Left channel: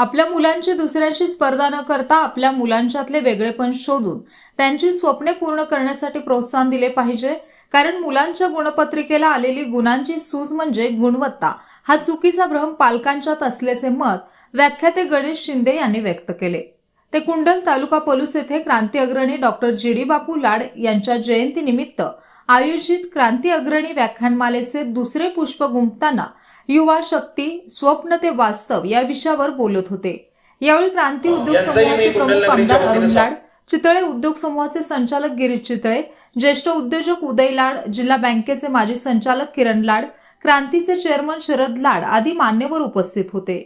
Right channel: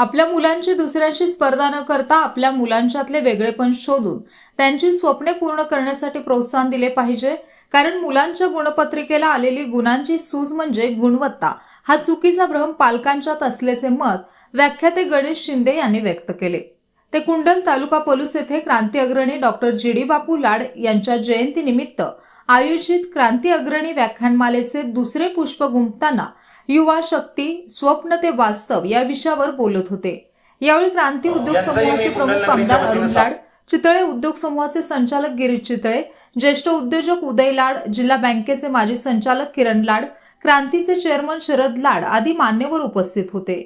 आपल्या मुलांची दुसऱ्यांशी स्पर्धा न करता आपल्या मुलांच्यातले वेगळेपण शोधून त्यांची स्वप्ने पूर्ण करण्यासाठी प्रोत्साहन दिले पाहिजे. कारण मुलांच्या गुणपत्रिकेला आलेली गुणांची सूज म्हणजे गुणवत्ता हा चुकीचा भ्रम पालकांच्यात असल्याचे मत व्याख्याते गणेश शिंदे यांनी व्यक्त केले. ते कुंडल तालुका पलूस येथे क्रांती अग्रणी डॉक्टर जी.डी. बापू लाड यांच्या जयंतीनिमित्त आयोजित क्रांती अग्रणी व्याख्यानमालेचे दुसरे पुष्प गुंफताना युवा शक्ती स्वप्न ते वास्तव या विषयावर बोलत होते. यावेळी क्रांती उद्योग समूहाचे प्रमुख आमदार अरुण लाड, चितळे उद्योग समूहाचे संचालक गिरीश चितळे, ज्येष्ठ उद्योजक उदय लाड, जिल्हा बँकेचे माजी संचालक किरण लाड, क्रांतीचे चेअरमन शरद लाड आदी मान्यवर उपस्थित होते.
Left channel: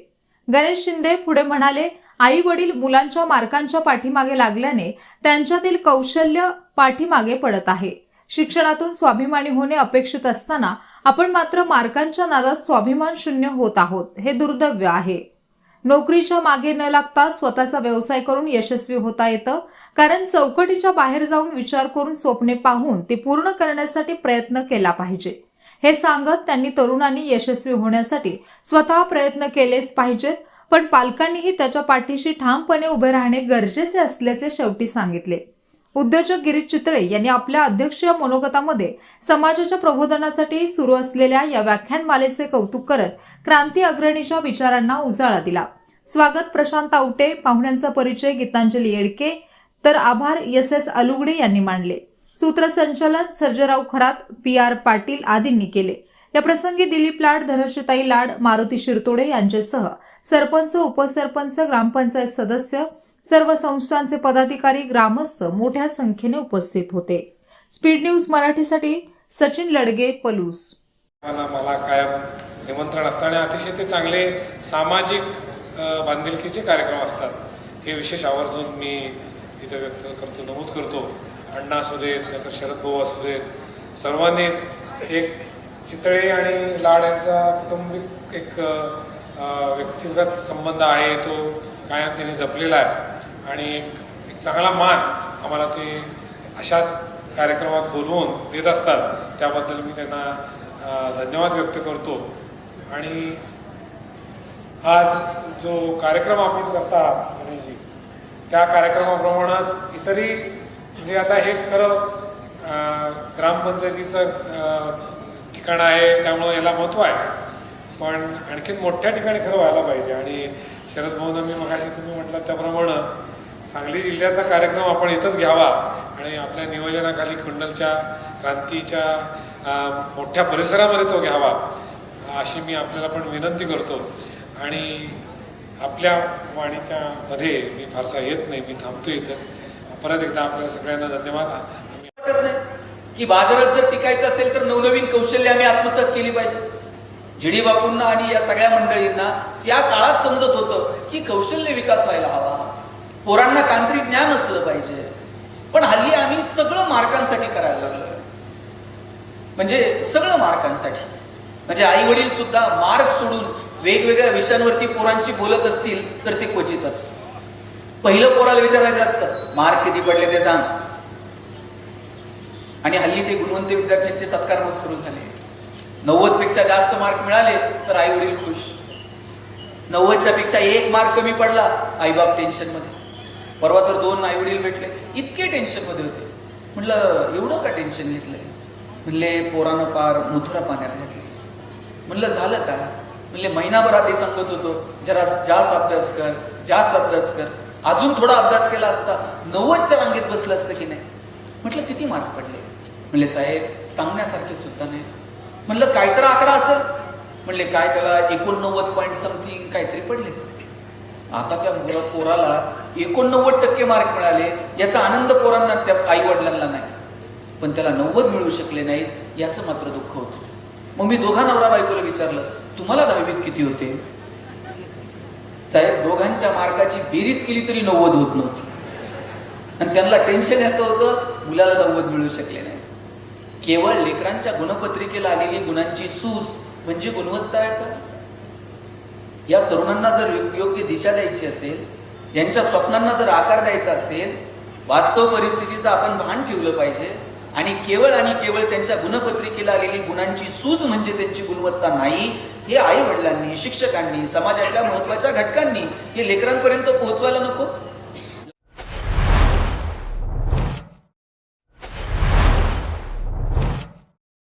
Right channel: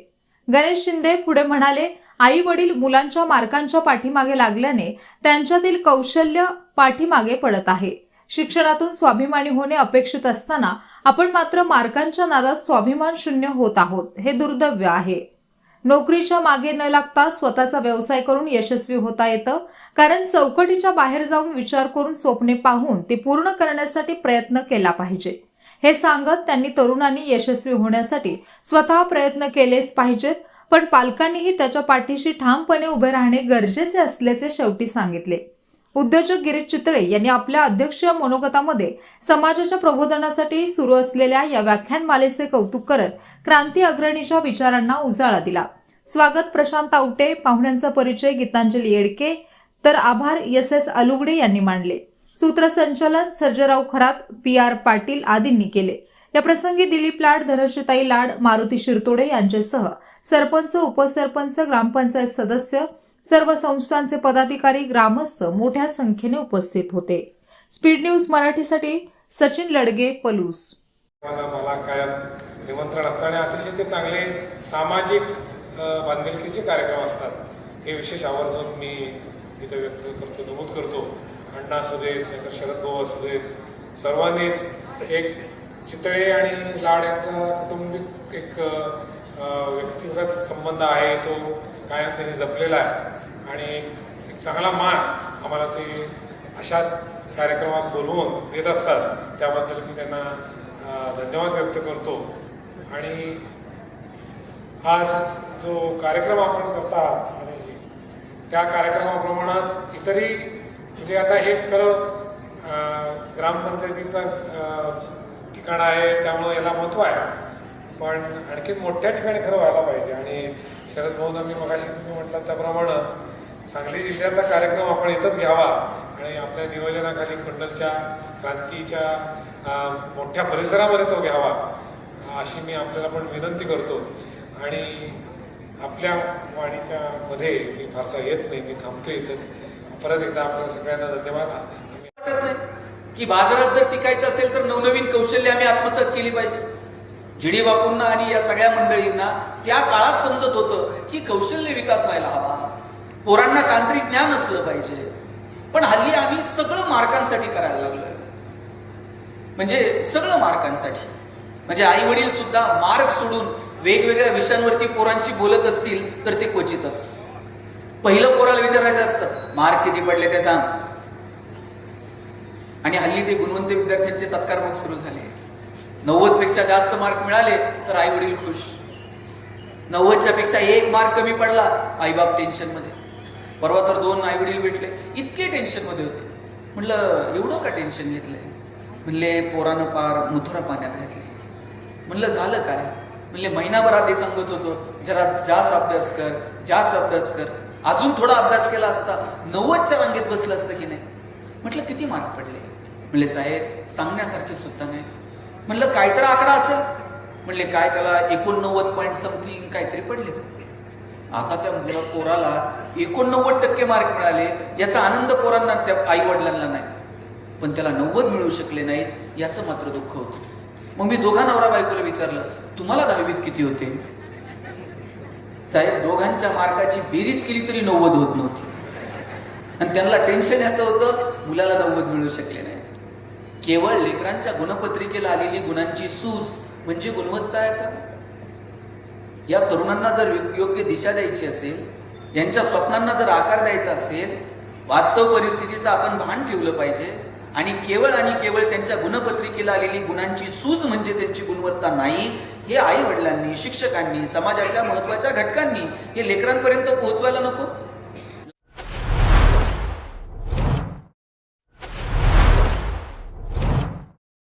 गणेश शिंदे पुढे म्हणाले, आई वडील मुलांच्या मार्कांच्या पाठीमागे लागल्याने त्यांच्यातील कौशल्य पाठीमागे पडत आहे. शिक्षणातून स्वाभिमानी होणे अपेक्षित असताना आपण मात्र मार्कांच्या नादात स्वाभिमान शून्य होत आहोत. हे दुर्दैव आहे. नोकरीच्या मागे न लागता स्वतःचा व्यवसाय करून यशस्वी होता येतं. कारण चौकटीच्या बाहेर जाऊन विचार करून स्वप्ने पाहून ते पूर्ण करण्यासाठी प्रयत्न केला पाहिजे. हे सांगत त्यांनी तरुणांनी यशस्वी होण्यासाठी स्वतः प्रयत्न केलेच पाहिजेत, पण पालकांनीही त्याच्या पाठीशी ठामपणे उभे राहणे गरजेचे असल्याचे शेवटी सांगितले. उद्योजक गिरीश चितळे यांनी आपल्या अध्यक्षीय मनोगतामध्ये समाजाच्या प्रबोधनासाठी सुरू असलेल्या या व्याख्यानमालेचे कौतुक करत क्रांती अग्रणीच्या विचारांना उजाळा दिला. स्वागत प्रशांत आवटे, पाहुण्यांचा परिचय गीतांजली येडके, तर आभार एस अलुगडे यांनी मांडले. सूत्रसंचालन सर्जेराव खरात, पी.आर. पाटील आदींनी केले. या प्रसंगी दिलीप लाड, धनश्रीताई लाड, मारुती शिरतोडे यांच्यासह सरपंच, उपसरपंच, ग्रामपंचायत सदस्य, सर्व संस्थांचे पदाधिकारी, ग्रामस्थ मोठ्या संख्येने उपस्थित होते. स्पीड न्यूज मराठीसाठी सचिन लडगे, पलूस. मला कायम निमंत्रण असताना अतिशय ते चांगले सामाजिक बांधिलकीचे कार्यक्रम असतात. हे विशेष आवर्जून मी इथे व्यक्त करतो, नमूद करतो. अण्णा असू देत, नाहीतर शरद भाऊ असू देत, सर्वांनीच एक चितळे आणि लाड यांचा कौटुंबिक एक व्यक्तिगत संबंध आहे, तो कायम त्यांनी जपलेला आहे. आणि एक चांगला मान आम्हाला ते अशा कार्यक्रमात बोलवून देत असतात. त्याबद्दल मी त्यांना धन्यवाद व्यक्त करतो. आणि आज जो कार्यक्रम आपण करता गणेशजी, त्या कार्यक्रमाप्रमाणेच इतरही म्हणजे आता हे खरं ग्रामपंचायतीचं ठिकाण आहे, त्यामुळं याला महत्त्व आहे, पण आणखी मोठ्या ठिकाणी खरं व्हायला पाहिजे. आणि शरद भाऊंना मी मगाशी तुम्ही म्हटलं त्याप्रमाणे सांगली जिल्ह्याचा कार्यक्रम आपण इथंच घ्यावा आणि आपल्या नियोजनाखाली कुंडलच्या क्रांतीच्या मोठ्या परिसरामध्ये तो घ्यावा, अशी मी आपल्याला पण विनंती करतो. आणि आपल्या वाणीच्या मध्ये मी फारसा येत नाही, मी थांबतो इथेच. परत एकदा आपल्या सगळ्यांना धन्यवाद. वाटत नाही की बाजारात जर टिकायचं असेल तर नवनवीन कौशल्य आम्ही आत्मसात केली पाहिजे. जी.डी. बापूंना आणि या सगळ्या मंडळींना त्या काळात समजत होतं की कौशल्य विकास व्हायला हवा, पोरांना तांत्रिक ज्ञान असलं पाहिजे. पण हल्ली आम्ही सगळं मार्कांसाठी करायला लागलो, म्हणजे सगळं मार्कांसाठी. म्हणजे आई वडील सुद्धा मार्क सोडून वेगवेगळ्या विषयांवरती पोरांशी बोलत असतील तर ते क्वचितच. पहिलं पोराला विचारायचं असतं, मार्क किती पडले ते सांग. आणि हल्ली ते गुणवंत विद्यार्थ्यांचे सत्कार मग सुरू झाले. 90 पेक्षा जास्त मार्क मिळाले तर आई वडील खुश. 90च्या पेक्षा 1 मार्क कमी पडला, आईबाप टेन्शन मध्ये. परवा तर 2 आई वडील भेटले, इतके टेन्शन मध्ये होते. म्हणलं एवढं का टेन्शन घेतलंय? म्हणले पोरानं पार मथुरा पाण्यात घातले. म्हणलं झालं का? म्हणले महिनाभर आधी सांगत होतो जरा जास्त अभ्यास कर, जास्त अभ्यास कर. अजून थोडा अभ्यास केला असता 90च्या रांगेत बसलं असतं की नाही. म्हटलं किती मार्क पडले? म्हणले साहेब सांगण्यासारखे सुद्धा नाही. म्हणलं काय तर आकडा असेल? म्हणले काय त्याला 89 पॉईंट समथिंग काहीतरी पडले. आता त्या पोराला 89% मार्क मिळाले, याचा आनंद पोरांना त्या आई वडिलांना नाही, पण त्याला 90 मिळू शकले नाहीत याचं मात्र दुःख होतं. मग मी दोघा नवरा बायकोला विचारलं, तुम्हाला 10वीत किती होते? साहेब दोघांच्या मार्काची बेरीज केली तरी 90 होत नव्हती. आणि त्यांना टेन्शन याचं होतं, मुलाला 90 मिळू शकले नाही. केवळ लेकरांच्या गुणपत्रिकेला आलेली गुणांची सूज म्हणजे गुणवत्ता आहे का? या तरुणांना जर योग्य दिशा द्यायची असेल, यांच्या स्वप्नांना जर आकार द्यायचा असेल, वास्तव परिस्थितीचं आपण भान ठेवलं पाहिजे. आणि केवळ त्यांच्या गुणपत्रिकेला आलेली गुणांची सूज म्हणजे त्यांची गुणवत्ता नाही, हे आई वडिलांनी, शिक्षकांनी, समाजाच्या महत्वाच्या घटकांनी हे लेकरांपर्यंत पोहोचवायला नको?